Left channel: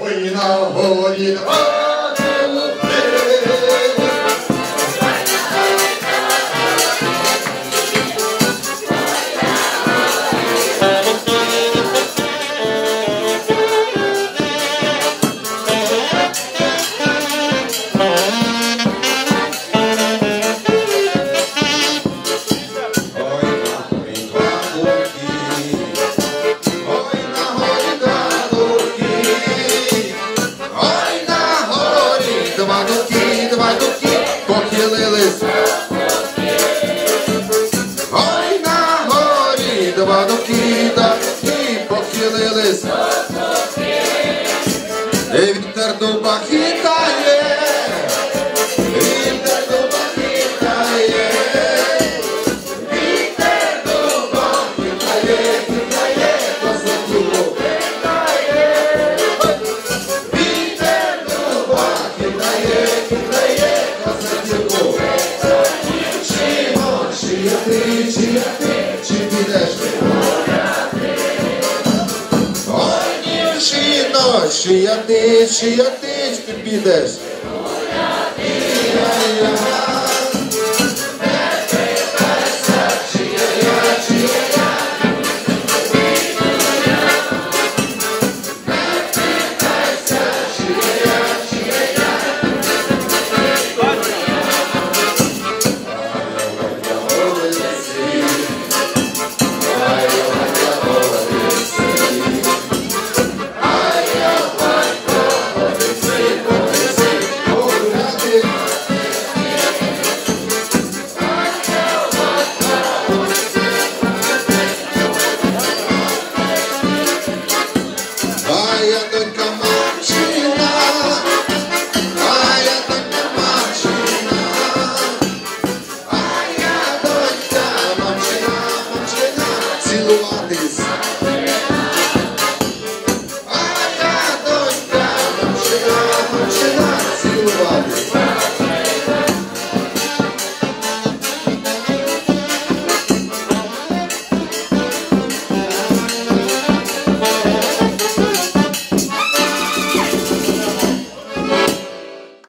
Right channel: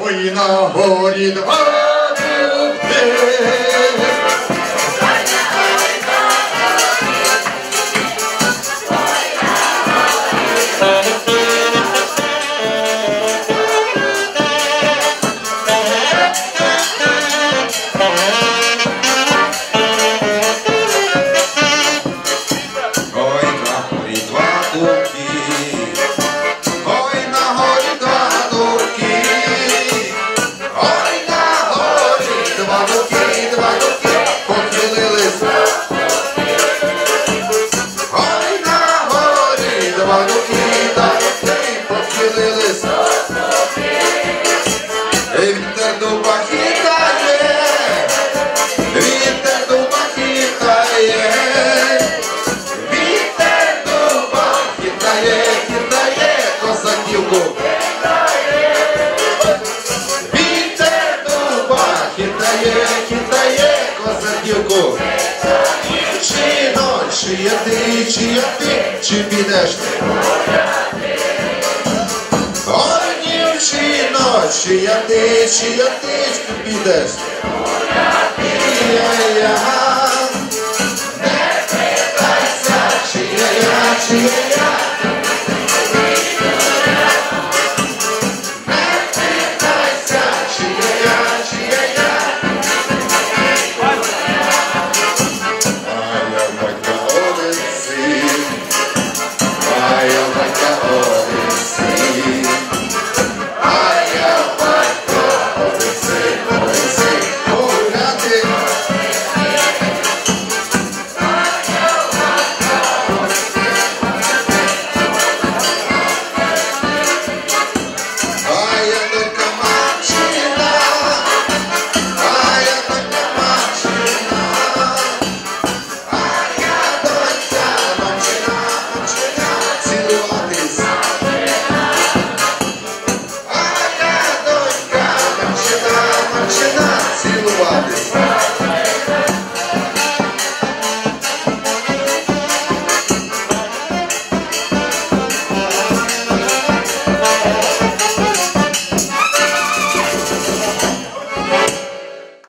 Ой, на горі два дубки, похилились. Ой, на горі два дубки, чи я ти, чи підеш ти? Ой, чи ночі я ти, чи я ти, чи підеш? Я,